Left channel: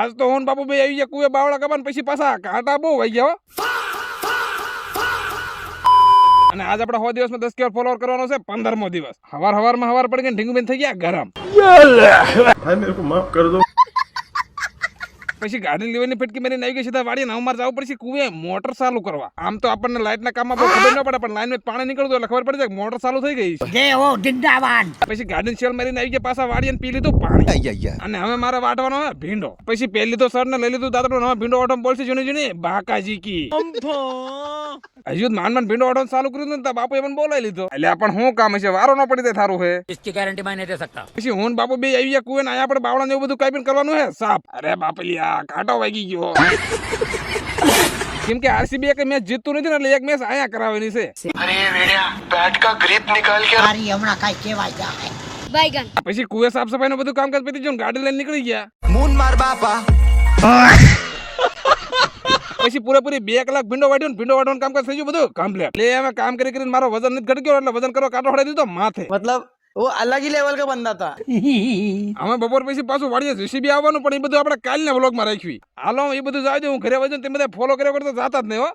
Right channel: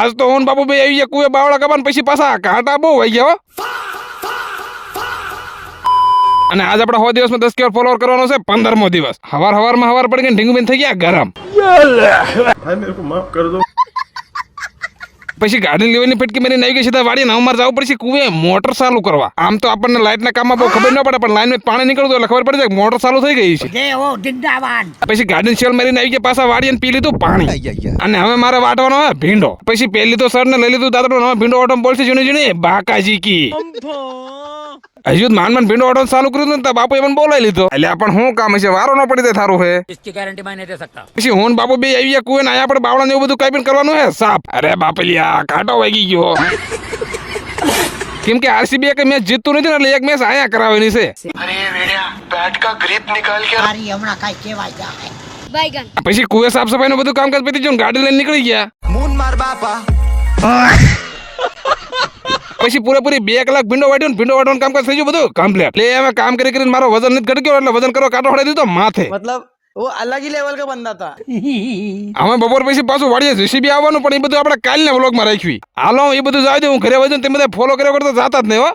આજ તો હું બાપુ ભાઈ આવી ગયા કુએ બાવળા કબાન પછી પાછા કાંટા બહુ આવી ગયા હો. અને આજ આપણે 100 દિવસમાં 10 કે ફોલોવર કરવાનો છે 15મો દિવસ. હવારમાં હવાર પડી ગઈ ઢીંગુબેન થઈ ગયા ગરમ. भाई मेरे को माफ कर दो। પછી ગાડી લેવાની ફટકી મારી આવી ગઈ સીધા વાડી ને અમારે જવું પડશે કુએ મોટર ચાલુ કરવા. આમ તો આપણને લાઈટ ના કામમાં બહુ ખબર ન પડે પણ લાઈન માં પાણી નીકળતું એટલે ખબર પડે છે કે મોટર ચાલુ થઈ ગઈ છે. જય હો જિંદાબાદ. પછી ગાડી સેલ મારીને આવી ગયા પાછા વાડી અને પી લીધું પાણી. અને હવે મારે વાટવાનો હોય ભીંડો. પછી પેલી લીધો સર ને લઈ લીધું દાદરો. હવે ભીંડો ઓટો બોલશે જૂની જૂની બાકાજી કી હજુ માન ભીંડો ઓટો ચાલુ કર્યું ને બાપુ પણ બોલાવી લીધો. એટલે પણ શું કામ છે વારો ન પડી દે થારું હે. इसकी गारंटी मैं नहीं दे सकता. પછી હું બાપુ બે આવી ગયા કુએ ને આયા આપણે બાવળા ને એવું બધું કઈ પણ કરવાનું હે સાફ. અરે બાપલિયા કાંટો વાગી ગયો. કેમ કે આરસીબી કે મેચ જીતતું નથી ને એટલે એક મેચ આયા કરાવવાની છે. अरे भेड़िया बैट का ग्रिप निकाल के મારી હમણાં કઈ કહેવાય જાય. बैगन પછી કુએ સાફ સફાઈ નું બધું કામકાજ પતી ગયું ગાડી લઈને નીકળી ગયા. मून मार बापा પછી પૂરેપૂરી 2 કલાક ભીંડો વાટ્યો ને ભીંડો વાટવાનું કામકાજ થઈ ગયું બધું કમ્પ્લીટ. એટલે હવે કામ કરી કરીને મારો વજન નથી ઘટી ગયો એટલે વજન કરવા કાંટો ફડાઈ દીધો માથે. मतलब वो अलग ही लेवल का बंदा था। હવે બપોર પછી પાછું વાડીએ જેસીબી આવવાનું પણ એ બધું આપણે કાલના વ્લોગમાં રાખ્યું. હાલો એ બધું જાવ દે હું ઘરે વજન તે બધા ફોલો કર્યા કરતા જાતા જ નહીં હો.